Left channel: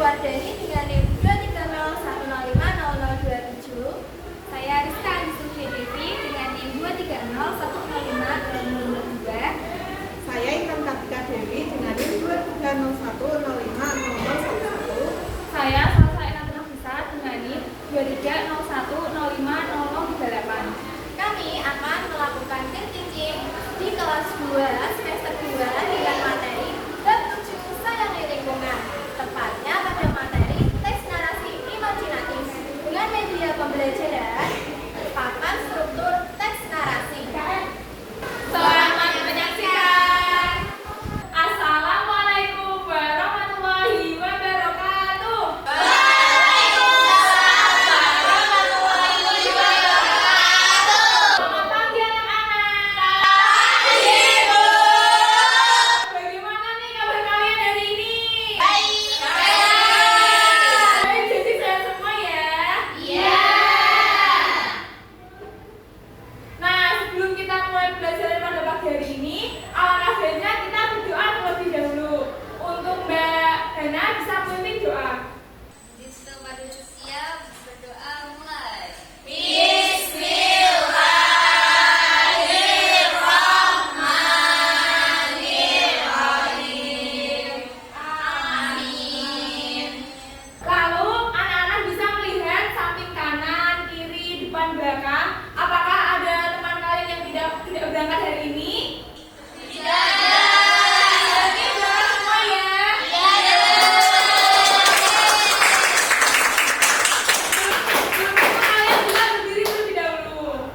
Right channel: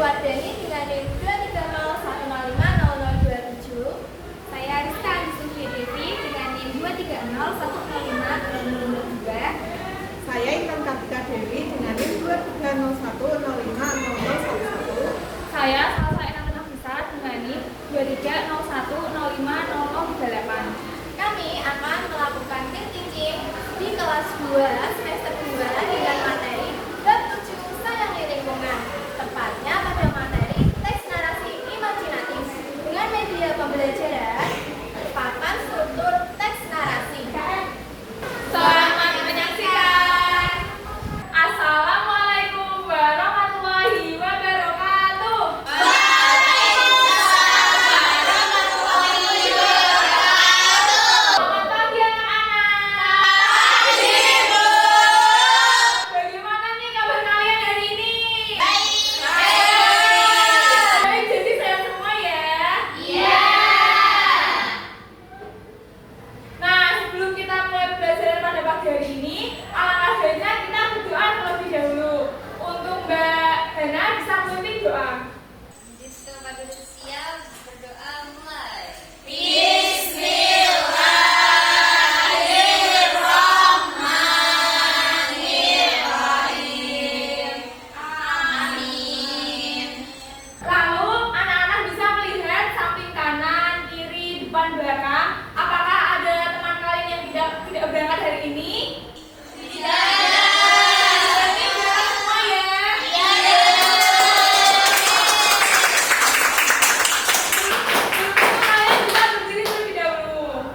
Wardani dengan NIM 230105027. Saya Rizka Andi Devi dengan NIM 230105022. Saya Intan Kartika Dewi dengan NIM 230105011. Saya Salsa Intan Nafisa dengan NIM 230105038. Kami akan melakukan teaching di kelas 2 semester 2 dengan materi bab 7 sayang lingkungan, tepatnya pada materi teks narasi imajinatif dengan media pembelajaran papan struktur teks narasi. Selamat menyaksikan. Assalamualaikum warahmatullahi wabarakatuh. Selamat pagi anak-anak. Bagaimana nih kabar kalian hari ini? Baik, jadi sehat semua ya? Iya. Nah, sebelum kita mulai pembelajaran pada pagi hari ini, alangkah baiknya kita berdoa terlebih dahulu. Untuk Mbak Hana bisa memimpin doa. Siap, berdoa mulai. Lalu anak-anak bisa melihat samping kanan, kiri, depan, belakang. Apakah ada teman kalian yang tidak berangkat hari ini? Berarti berangkat semua ya? Untuk itu kalian bisa berdiri terlebih dahulu.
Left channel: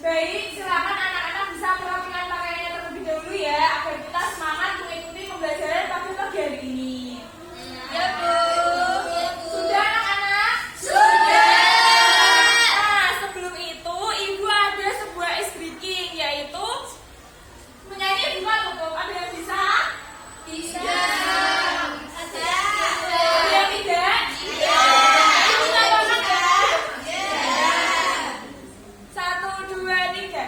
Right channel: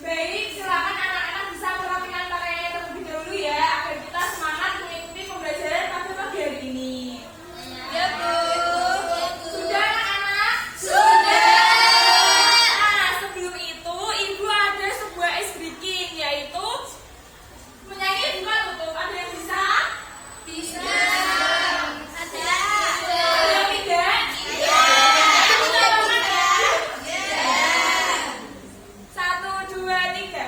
Baik, silakan anak-anak bisa merapikan pakaiannya terlebih dahulu ya, agar kita semangat mengikuti pembelajaran pada pagi hari ini. Ya, Bu. Sudah anak-anak? Nah, sebelum itu Ibu ada sebuah ice breaking, yaitu menyanyi buka tutup. Ada yang bisa? Bisa. Ada yang tidak? Ibu tolongan ya. 1, 2, 3.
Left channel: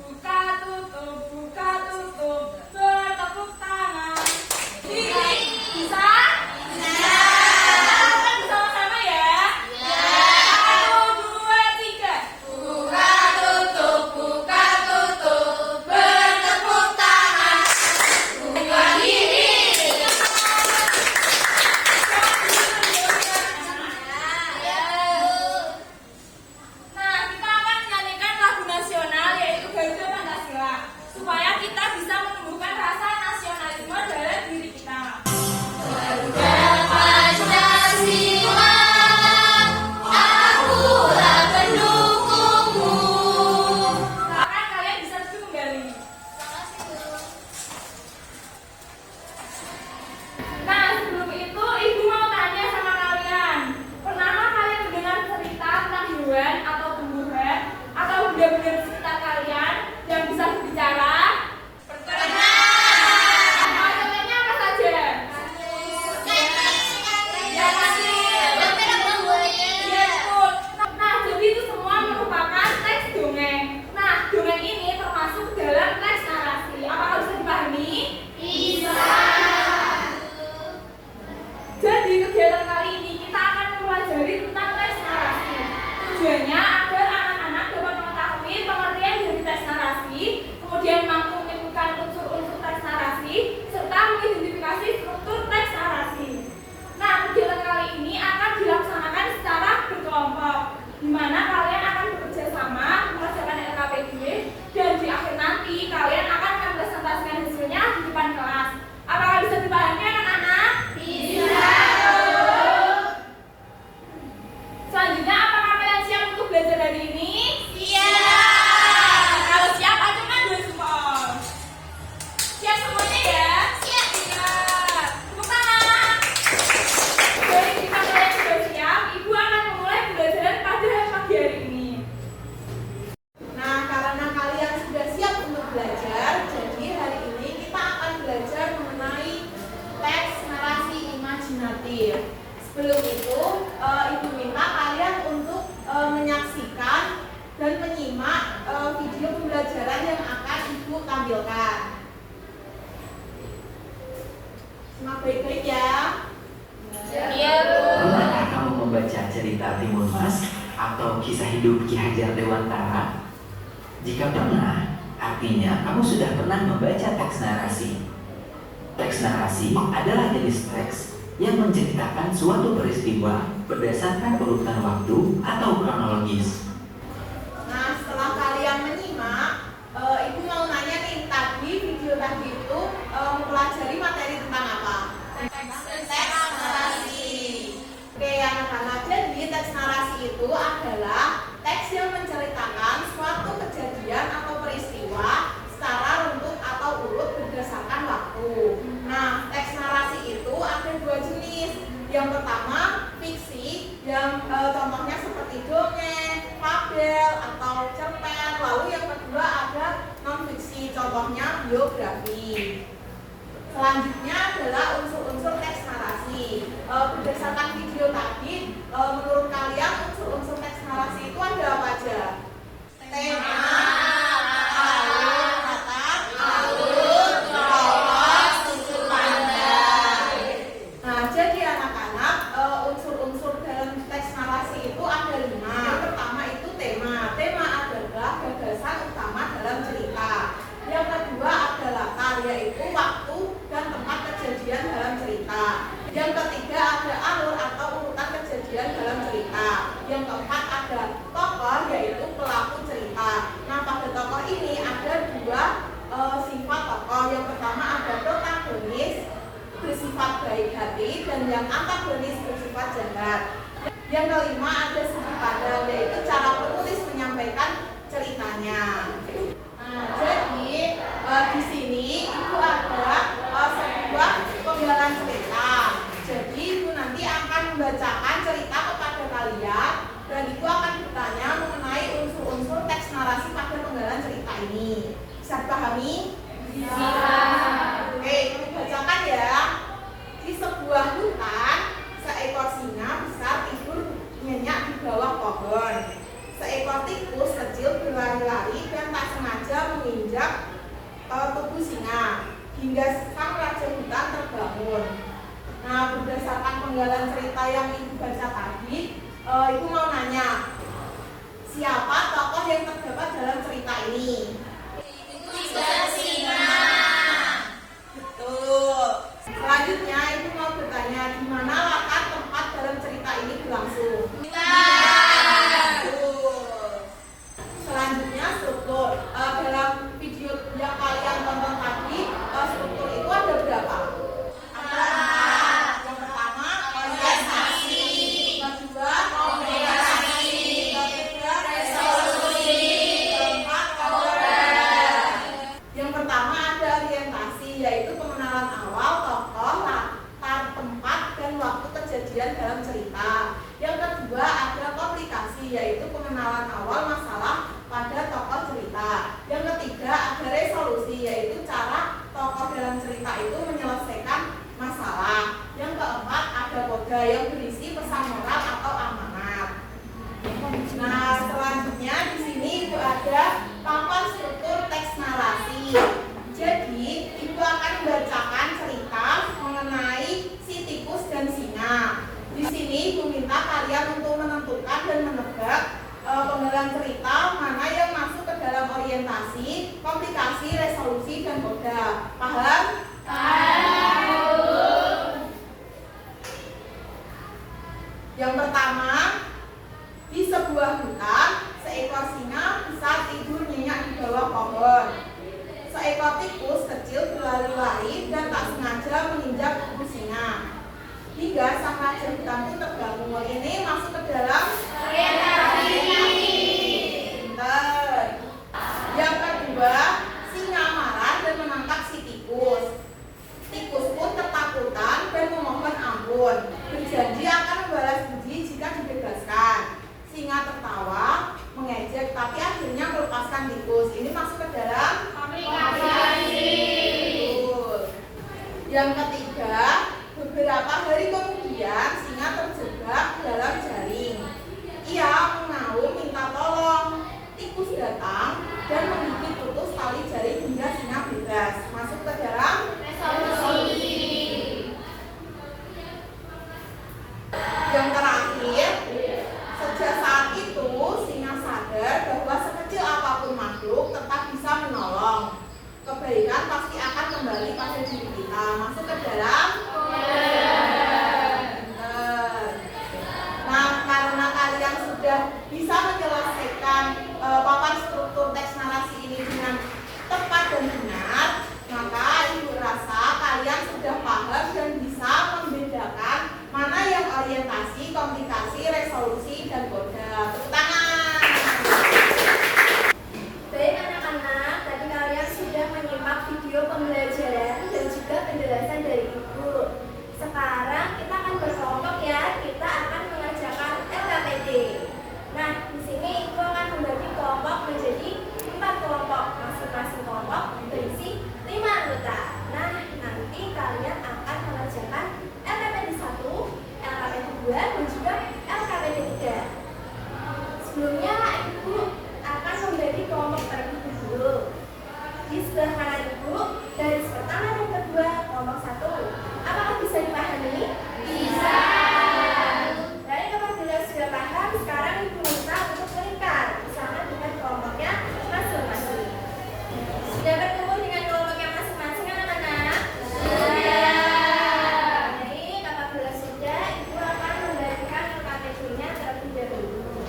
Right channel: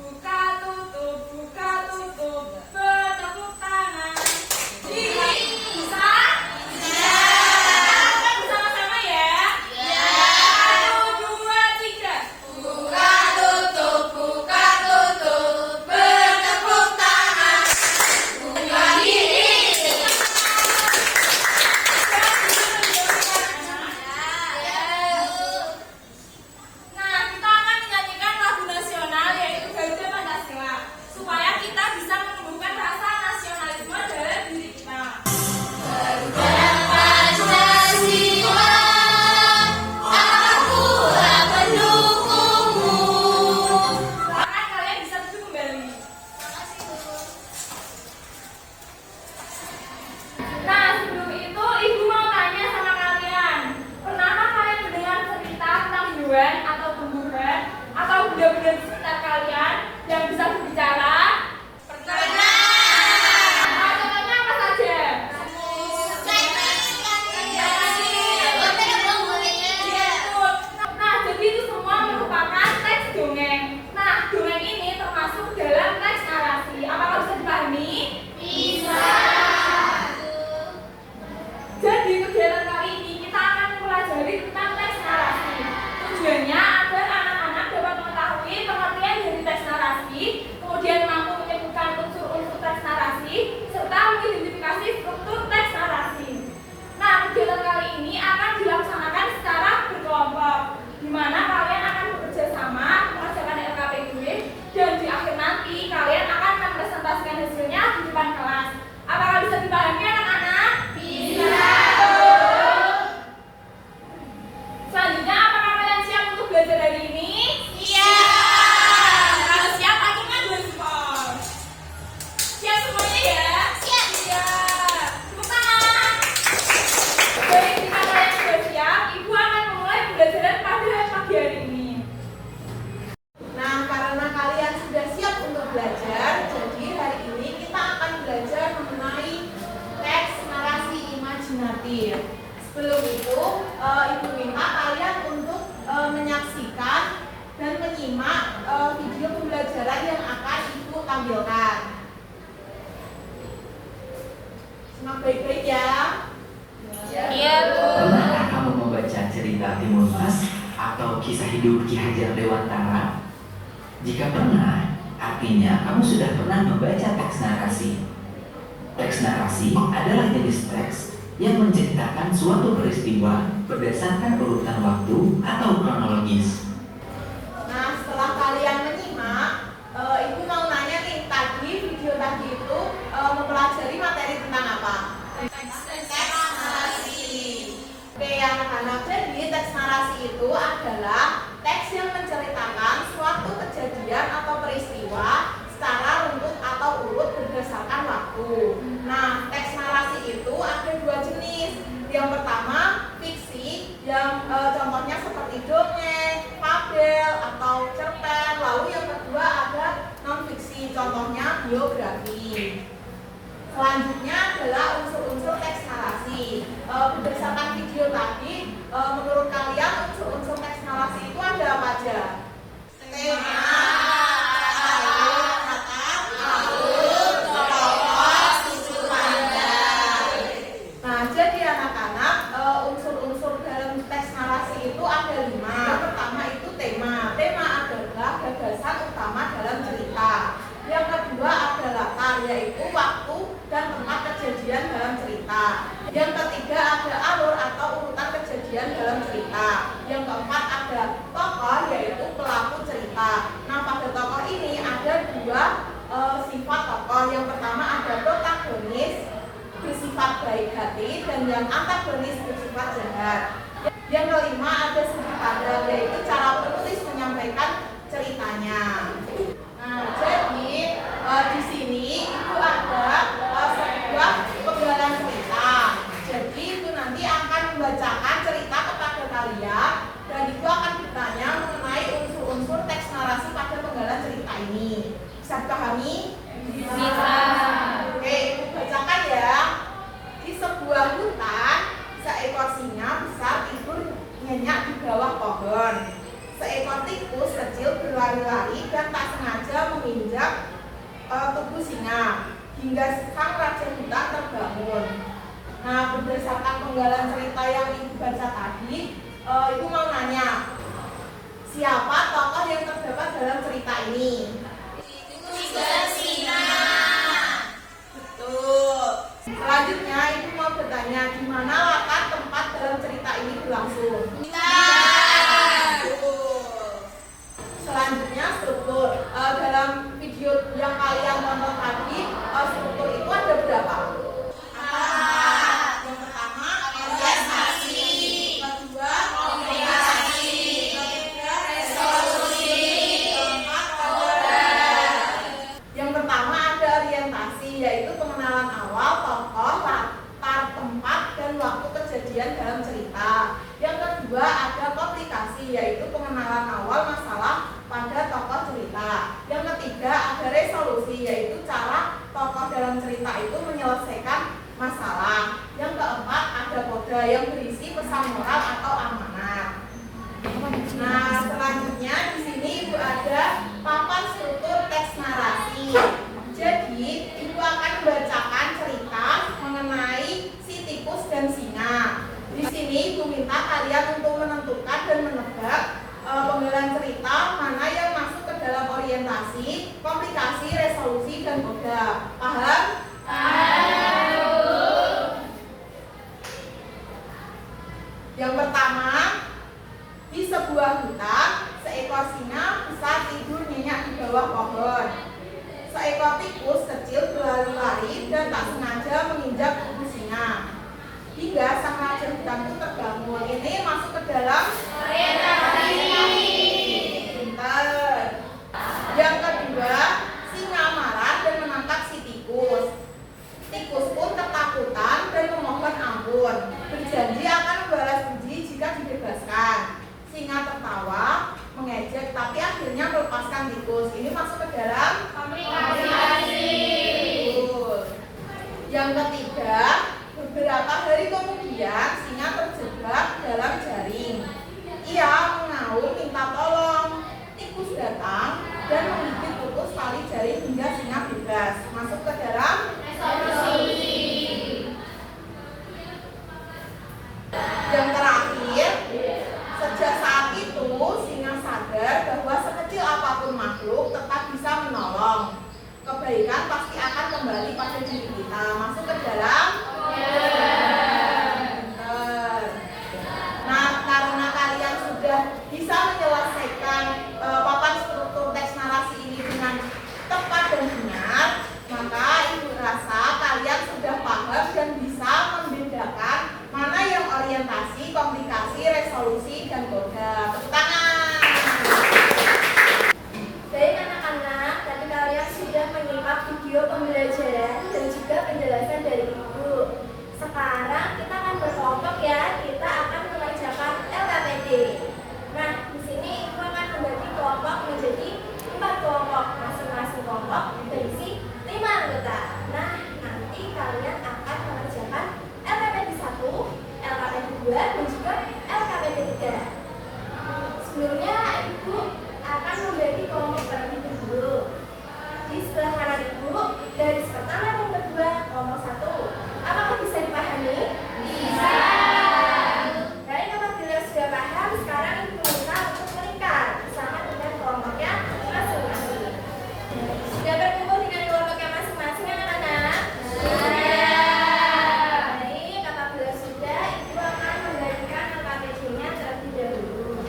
Buka tutup, bertepuk tangan. Bisa? Bisa? Kita lakukan bersama-sama ya. 1, 2, 3. Buka tutup, bertepuk tangan. Buka diri. Nah, kita akan menyanyikan lagu nasional yaitu Garuda Pancasila supaya kita bisa menumbuhkan rasa nasionalisme dalam diri kita. Pancasila, akulah pendukungmu. Silakan kalian bisa duduk kembali. Nah, sebelum itu Ibu mau tanya sama kalian. Pernahkah kalian mendengar cerita tentang hewan atau tumbuhan atau benda-benda di sekitar kalian yang bisa berbicara? Contohnya apa saja? Iya, betul. Nah, jadi itu semua merupakan teks dongeng. Nah, dongeng ini termasuk dalam teks narasi. Apakah bisa dipahami? Jadi kegiatan kali ini kita akan mempelajari tentang teks narasi. Tujuannya agar anak-anak dapat mengetahui pengertian dari teks narasi, kemudian mampu menyebutkan unsur-unsur teks narasi, serta mengidentifikasi struktur teks narasi. Nah, kegiatan kali ini akan dilaksanakan secara berkelompok, di mana kalian akan bekerja sama mengerjakan LKPD, dan di akhir nanti kalian akan mempresentasikan hasilnya di depan kelas. Apakah bisa dipahami anak-anak? Selanjutnya, apakah kalian siap untuk belajar hari ini? Kalau siap, aku kan dua support. Siap semuanya ya? Siap. Tepuk tangan. Baik, jika kalian sudah siap, Ibu akan memulai pembelajaran pada pagi hari ini. Nah, karena kalian sudah siap untuk belajar, jadi hari ini kita akan belajar mengenai teks narasi imajinatif. Sebelum itu, Ibu minta kalian untuk menyaksikan dan menyimak video pembelajaran yang akan Ibu tampilkan. Simak baik-baik ya. Pernahkah kamu membaca cerita Timun Mas atau kisah hidup Ki Hajar Dewantara? Jika pernah, artinya kamu sudah pernah membaca teks narasi. Teks narasi adalah jenis teks yang menceritakan suatu peristiwa berdasarkan urutan waktu atau kronologis. Nah, setelah kalian menyimak, Ibu mau nanya nih, tadi video tadi itu mempelajari materi tentang apa? Teks narasi. Oke, anak-anak, jadi teks narasi itu adalah teks yang menceritakan suatu kejadian atau peristiwa secara runtut atau urut berdasarkan waktu. Nah, teks narasi itu ada dua jenis. Yang pertama, fiksi, yang contohnya seperti dongeng, fabel, atau cerpen. Lalu yang kedua ada non-fiksi, contohnya biografi. Selanjutnya adalah unsur-unsur teks narasi. Berdasarkan video tadi, menurut kalian unsur-unsur teks narasi itu ada apa aja? Tema, alur, tokoh, sudut pandang. Nah, jadi anak-anak, unsur-unsur dalam teks narasi itu ada 5. Yang pertama itu tema. Tema adalah gagasan utama dalam cerita. Yang kedua ada latar, yaitu waktu dan tempat kejadian dalam cerita. Yang ketiga ada alur atau urutan kejadian dalam cerita. Yang keempat ada tokoh, yaitu pelaku cerita. Nah, pada tokoh ini ada 2 sifat tokoh. Yang pertama ada protagonis bersifat baik hati dan yang antagonis bersifat jahat. Yang kelima ada sudut pandang, yaitu cara penulis menyampaikan ceritanya. Nah, jadi di sini itu ada sebuah penggalan cerita. Jadi itu nanti akan membacakan cerita kepada kalian dan itu akan ditanya mengenai unsur-unsur teks narasi pada penggalan cerita ini. Bisa dipahami? Bisa. Oke, bacakan ya. Di sebuah hutan, seekor singa besar tidur nyenyak di bawah pohon. Seekor tikus kecil berlari-lari dan tak sengaja menginjak tubuh singa hingga sang raja hutan terbangun. Nah, berdasarkan penggalan cerita yang ibu baca tadi, ibu mau nanya, siapa tokoh yang terdapat dalam cerita ini? Singa. Betul. Selanjutnya ibu mau bertanya, di mana latar tempat dalam cerita ini berlangsung? Selanjutnya struktur. Dalam video yang kalian tonton tadi, struktur itu ada berapa? Yang pertama orientasi, kedua komunikasi, ketiga resolusi, keempat order. Yang pertama ada orientasi, yaitu pengenalan awal tokoh, latar tempat dan waktu kejadian dalam cerita. Yang kedua ada komplikasi, yaitu pengenalan awal masalah pada tokoh cerita. Yang ketiga ada resolusi, yaitu cara tokoh dalam cerita itu menyelesaikan masalah. Yang keempat ada koda yang berisi pesan moral atau amanat. Nah, selanjutnya di sini ibu ada papan struktur teks narasi. Jadi ibu akan membacakan cerita mengenai si tikus dan singa. Di sini ibu minta kalian untuk menentukan dan menebak penggalan cerita mana yang masuk ke dalam orientasi, komplikasi, resolusi, dan koda. Paham? Yang pertama, di sebuah hutan, seekor singa besar tidur nyenyak di bawah pohon. Seekor tikus kecil berlari-lari dan tak sengaja menginjak tubuh singa hingga sang raja hutan itu terbangun. Ini masuk ke dalam orientasi. Pinter. Yang kedua, singa marah dan menangkap si tikus. Tikus pun ketakutan dan memohon ampun, berjanji akan membalas budi jika dibebaskan. Singa tertawa, mengejek, tapi akhirnya melepaskan tikus. Ini masuk ke dalam komunikasi. Yang ketiga, beberapa hari kemudian singa terjebak dalam jaring. Ia mengaum minta tolong. Tikus datang dan menggigit putus tali jaring hingga singa bebas. Masuk ke dalam resolusi. Yang terakhir, sejak saat itu singa sadar bahwa sekecil apapun makhluk tetap bisa menolong. Kebaikan pasti akan kembali pada diri kita. Masuk ke dalam. Nah, karena kalian sudah bisa menyelesaikan papan struktur teks narasi ini dengan tepat dan benar, maka ibu rasa kalian sudah paham dan bisa membedakan mana yang orientasi, komplikasi, resolusi, dan kode. Tepuk tangan. Baik anak-anak, tadi kalian sudah menyimak video pembelajaran dan juga penjelasan dari ibu. Sekarang kita akan berkelompok ya, kita akan mengerjakan LKPD. Nah, di sini ibu akan membagi kelompok menjadi 4 kelompok, masing-masing kelompok berisi 5 anggota. Nah, nanti kalian akan mengerjakan LKPD 1, LKPD 2, dan juga LKPD 3. Sebelumnya ibu akan membagi kelompok terlebih dahulu. Di sebelah kanan ibu, garis pertama dan kedua kelompok 1. Apakah bisa dipahami? Bisa. Baik, apabila sudah paham, sekarang ibu minta untuk melingkar bersama dengan kelompoknya masing-masing. Sudah berkumpul dengan kelompoknya masing-masing anak-anak? Sudah. Baik, apabila sudah, ibu akan membagikan LKPD-nya terlebih dahulu.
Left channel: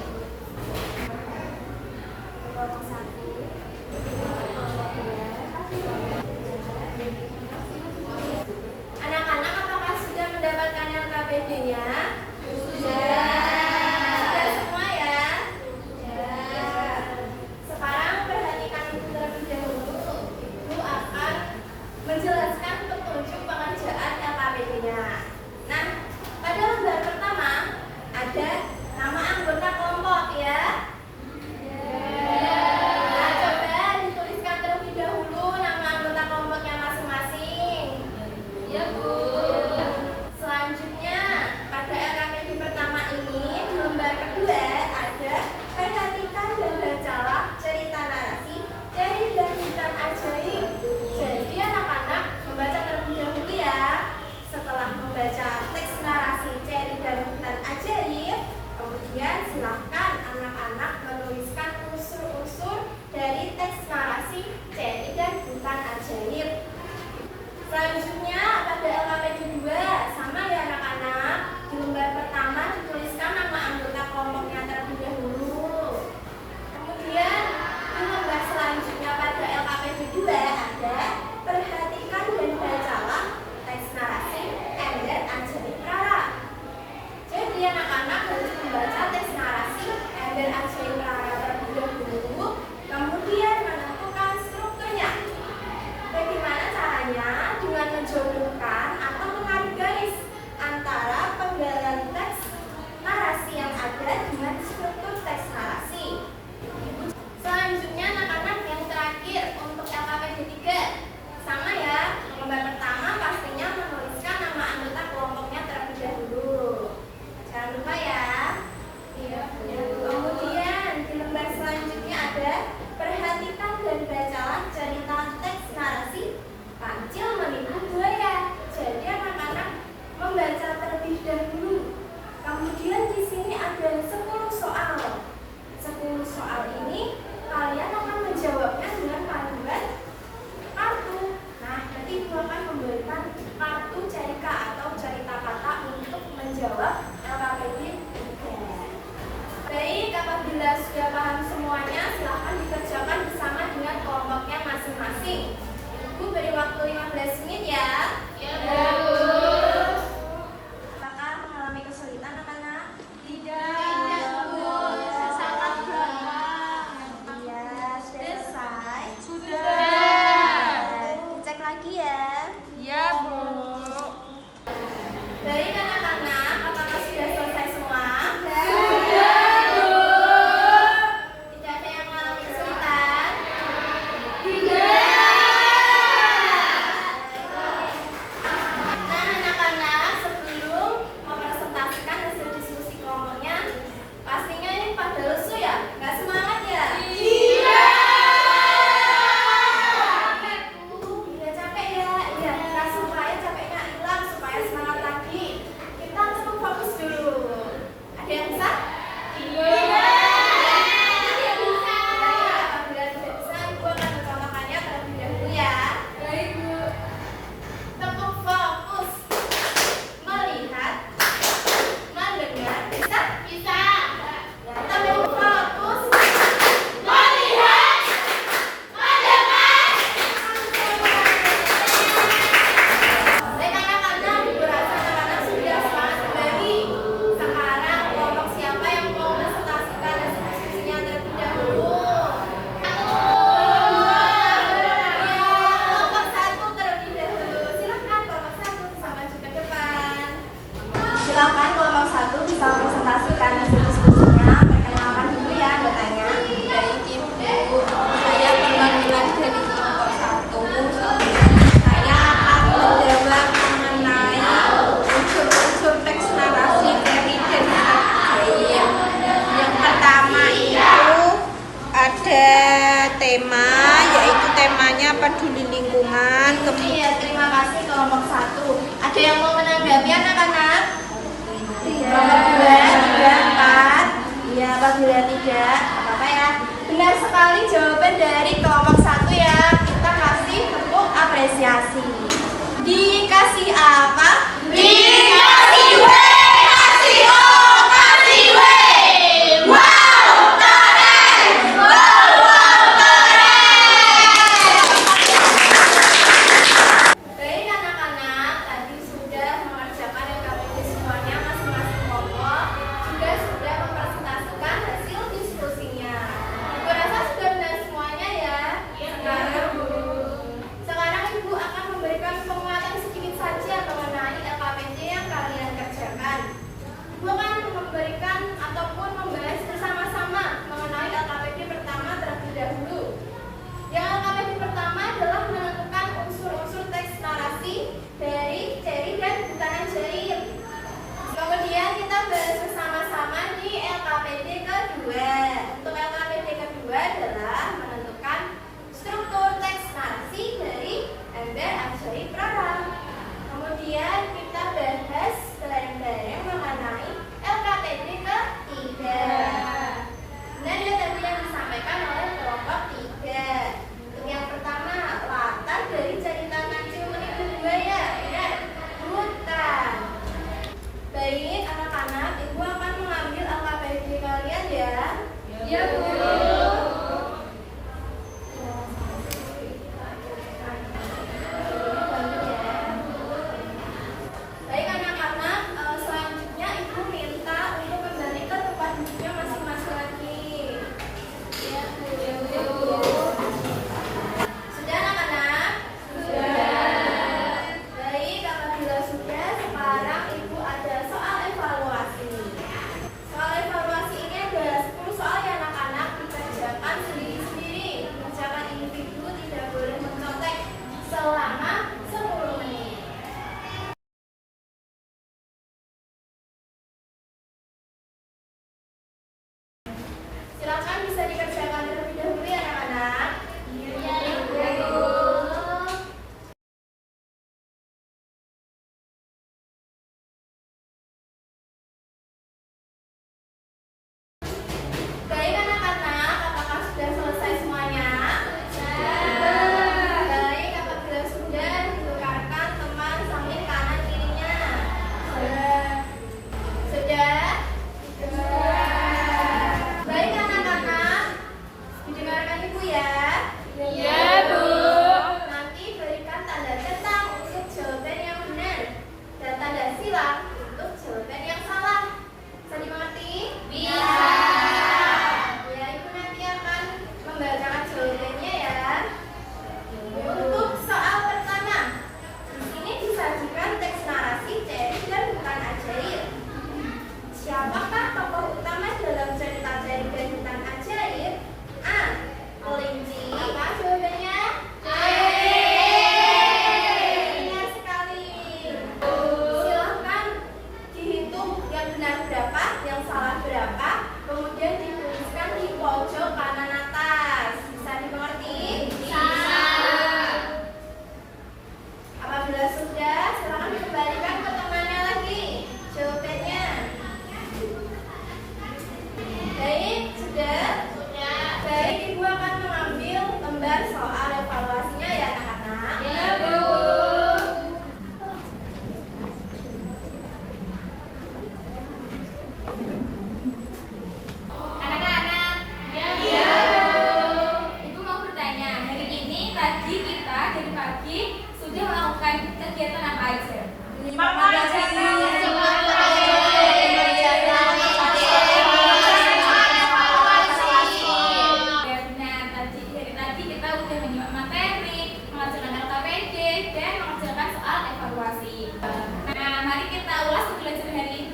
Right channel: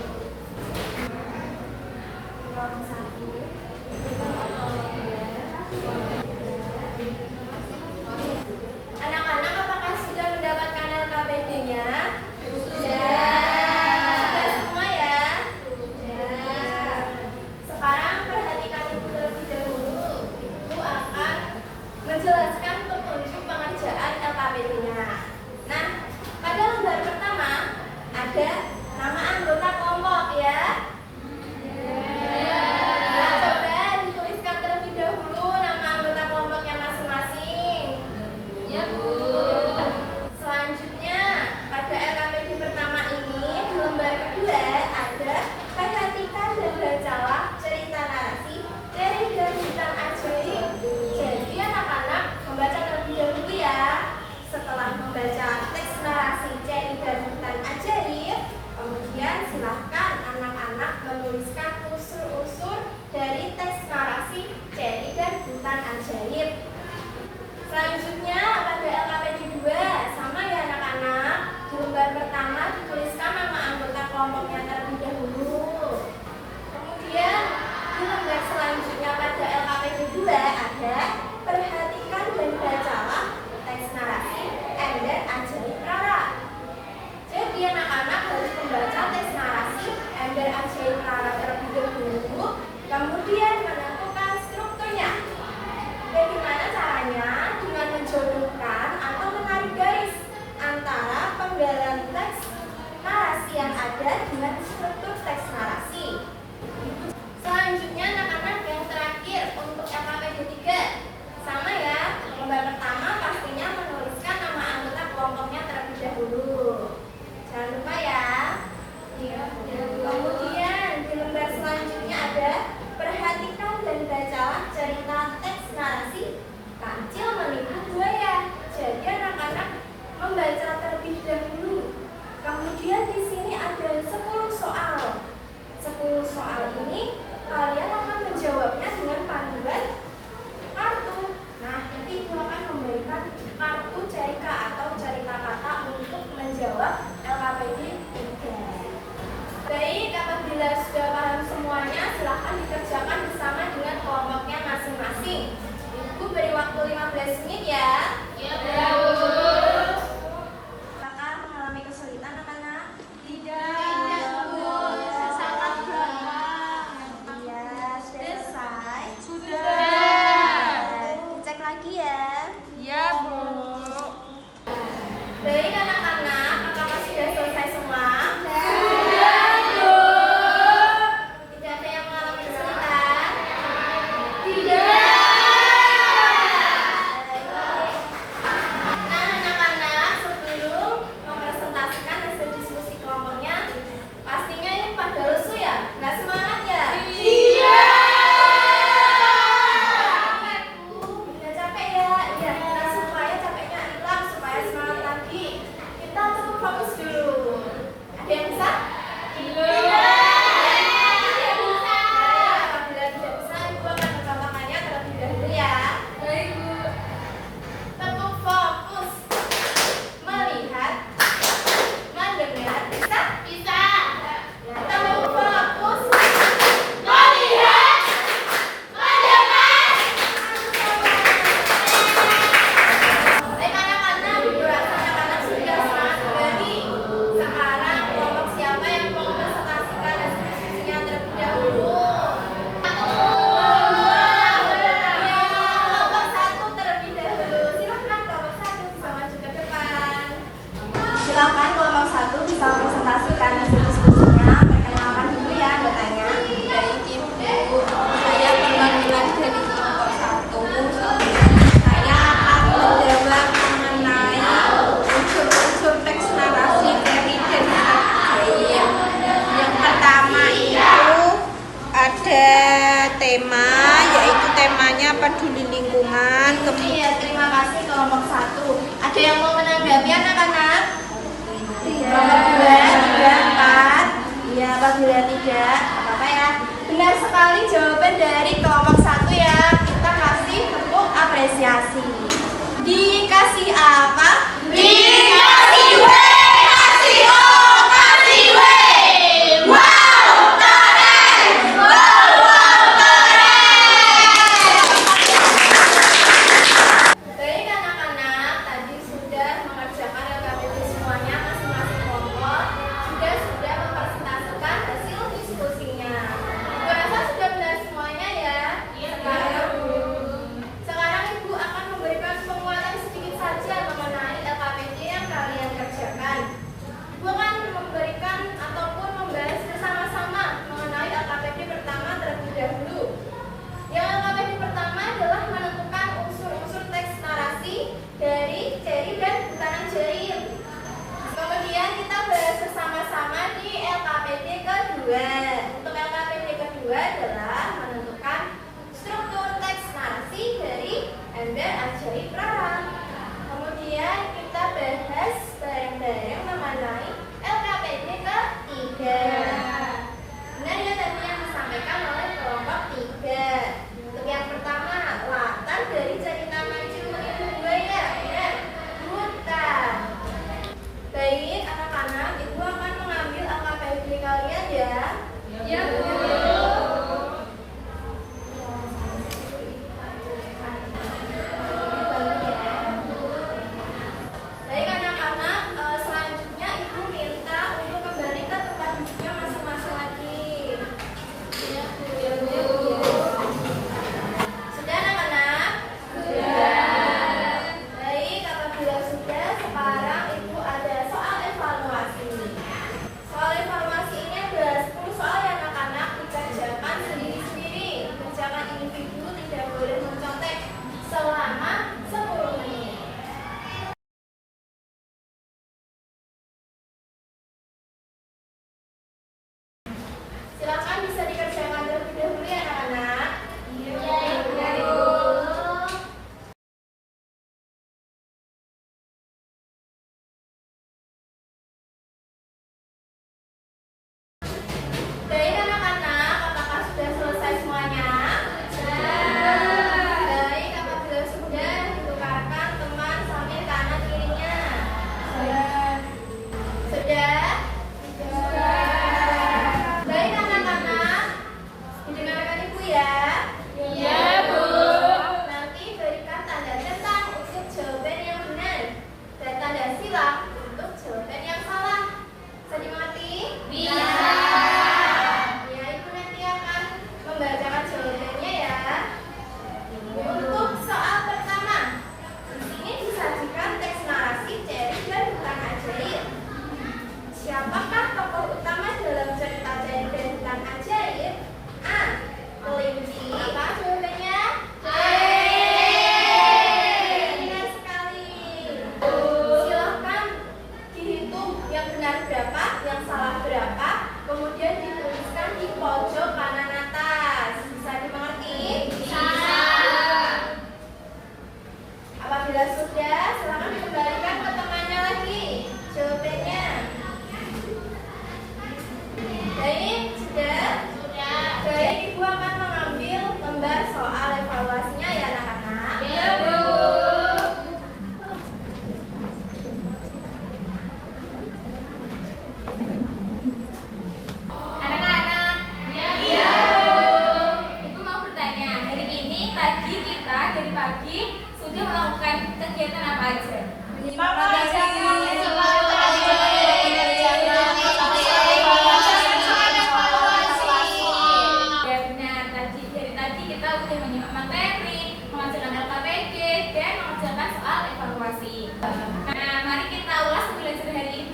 Kelompok 1, kelompok 2. Anak-anak, apakah sudah mendapatkan LKPD-nya? Sudah. Sudah semua ya? Sudah. Sekarang perhatikan ibu terlebih dahulu. Ibu akan menjelaskan petunjuk pengerjaan LKPD-nya. Nah, pada lembar pertama ada nama anggota kelompok ya. Nah, coba dituliskan terlebih dahulu nama anggota kelompoknya masing-masing. Ya, Bu. Selanjutnya, pada LKPD pertama ini, di lembar kedua ada perhatikan dan bacalah cerita narasi dari dan Hutan Ajaib. Jadi anak-anak membaca terlebih dahulu ya. Setelah membaca teks narasi Ceri dan Hutan Ajaib, kemudian silahkan anak-anak menuliskan unsur-unsur dari teks narasi Ceri dan Hutan Ajaib. Selanjutnya pada LKPD Silakan kelompok 1 bisa presentasikan hasil diskusinya. Perkenalkan dulu ya anggotanya. Baik Ibu, saya perwakilan dari kelompok 1. Saya akan menjawab mengenai unsur-unsur teks narasi dari ajaib. Yang pertama itu ada tema, yaitu temanya peduli lingkungan. Iya, terima kasih kelompok 1. Ada yang mau menanggapi anak-anak? Kelompok 2, 3, 4. Iya, apabila tidak, apa-apa ya. Benar sekali jawaban dari kelompok 1 ya. Kita kasih tepuk apresiasi. Dikasih apa? Dikasih W, kasih O, kasih W. Wow, keren! Wow, keren! Baik anak-anak, tadi sudah mengerjakan LKPD semuanya masing-masing kelompok, juga sudah mempresentasikan hasil diskusinya. Ibu rasa sudah benar semuanya ya. Sekarang Ibu akan memberikan penguatan sedikit saja mengenai LKPD yang kalian kerjakan. Ibu akan memberikan ataupun membahas bersama-sama mengenai LKPD pertama terlebih dahulu. Yang LKPD pertama adalah menentukan unsur-unsur teks narasi dari Jerry dan Butanan Jaim. Kemudian kita bahas bersama-sama di LKPD kedua. Untuk LKPD kedua adalah menentukan struktur teks narasi dari Ember Ajaib Rara. Kemudian kita bahas bareng-bareng mengenai LKPD ketiga. Benar ya tadi yang disampaikan oleh kelompok 3. Untuk yang pertama, latar dari cerita kancil menipu buaya. Benar, hutan. Baik anak-anak, Ibu akan mengambil LKPD kalian ya. Ya, Bu. Baik anak-anak, selanjutnya Ibu minta untuk kembali ke tempat duduknya masing-masing lagi. Ya, Bu. Sudah anak-anak? Sudah. Baik, apabila sudah, sekarang Ibu ada soal evaluasi. Soal evaluasi ini ada 10 soal ya anak-anak, dikerjakan sendiri-sendiri. Kerjakan individu, tidak boleh mencontek selama 10 menit. Silakan bisa dikerjakan terlebih dahulu ya anak-anak. Iya, Bu. Baik anak-anak, apakah sudah selesai semuanya? Sudah. Baik, apabila sudah ditukarkan teman sambil kanan kirinya. Sudah. Sudah? Sudah. Baik anak-anak, didengarkan Ibu ya. Iya, Bu. Nanti berikan tanda centang untuk jawaban yang benar dan tanda silang untuk jawaban yang salah. Bisa dimengerti? Bisa. Ya, Ibu nanti akan membacakan jawabannya ya. Untuk soal pertama, di sini disajikan teks narasi Jerry dan Hutan Ajaib. Siapakah tokoh utama dalam cerita Jerry dan Hutan Ajaib? A. Kelinci. Apa jawabannya? Benar sekali. Silahkan dihitung yang benar berapa, yang salah berapa, kemudian dituliskan di pojok kanan atas. Bisa dimengerti? Bisa. Apabila sudah, silakan dikembalikan ke temannya lagi jawabannya. Baik, sudah? Sudah. Baik, Ibu akan mengambil lembar soal evaluasinya ya anak-anak. Ya, Bu. Anak-anak. Ya, Bu. Ibu mau bertanya, hari ini tadi kita dari pagi sudah melakukan kegiatan apa aja? Ya benar, dari tadi kita udah menyimak materi, mengajarkan LKPD, dan mengajarkan soal evaluasi. Nah, mari kita ulas pembelajaran hari ini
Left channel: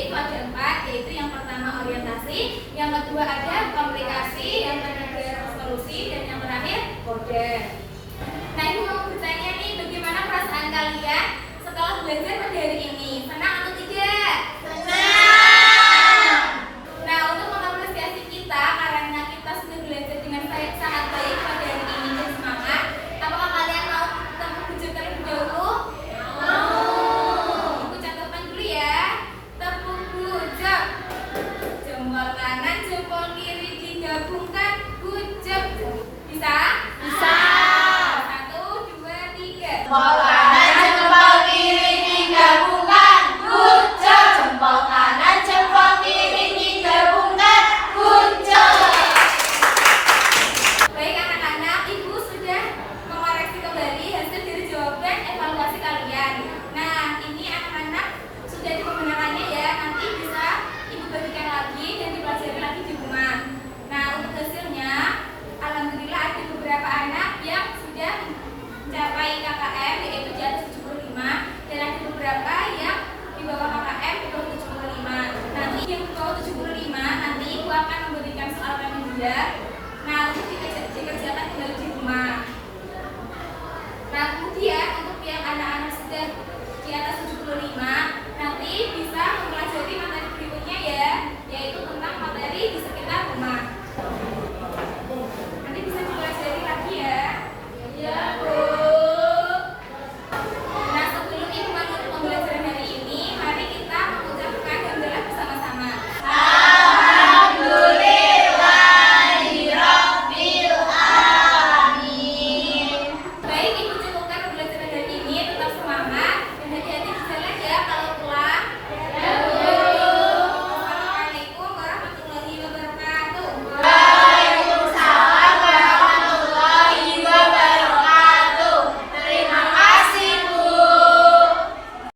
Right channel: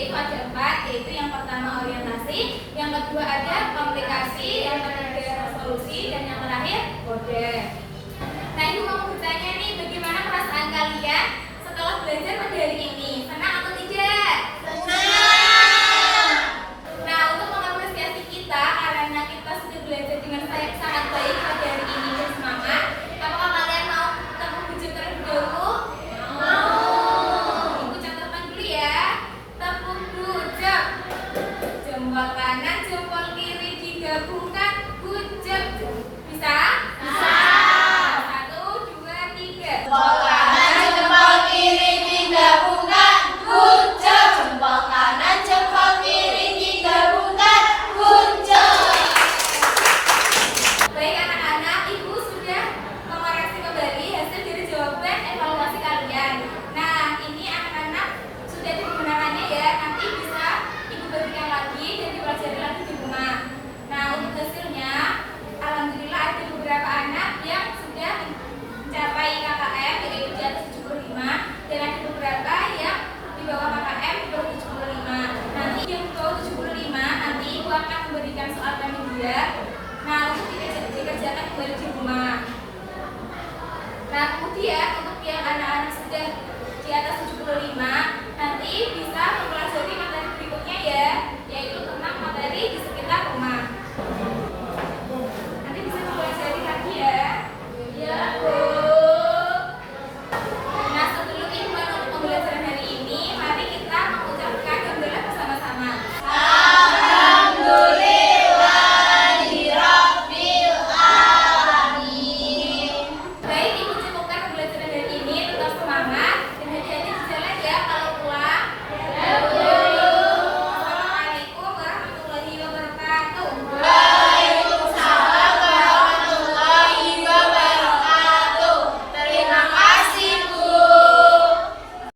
yaitu ada 4, yaitu yang pertama orientasi, yang kedua ada komunikasi, yang ketiga resolusi, dan yang terakhir kode. Nah, ibu mau bertanya nih, bagaimana perasaan kalian setelah belajar pada hari ini? Senang atau tidak? Nah, untuk mengapresiasi kita karena kita sudah belajar dengan sangat baik pada hari ini dan semangat, apakah kalian mau tepuk bujur terlebih dahulu? Ibu catatkan dulu ya. Tepuk bujur. Jempol kanan, jempol kiri digabungkan, bujur. Bisa? Bisa. 1, 2, 3. Jempol kanan, jempol kiri digabungkan, bujur. Jempol kanan, jempol kiri digabungkan, bujur. Baik anak-anak, ibu sudah mengoreksi kembali hasil dari jawaban evaluasi kalian. Nah, ini anak-anak sudah dipergunakannya ya. Nanti bisa ibu bagikan lagi dan dipelajari lagi di rumah. Nah, untuk hasilnya, alhamdulillah ada beberapa anak yang sudah mencapai KKM yaitu di atas 75, dan ada beberapa yang di bawah KKM di bawah 75. Nanti yang di bawah 75 nanti ibu akan memberikan soal media. Nah, untuk dikerjakan kembali di rumah. Nah, kemudian untuk yang anak-anak sudah di atas 75 nanti bisa mempelajari materi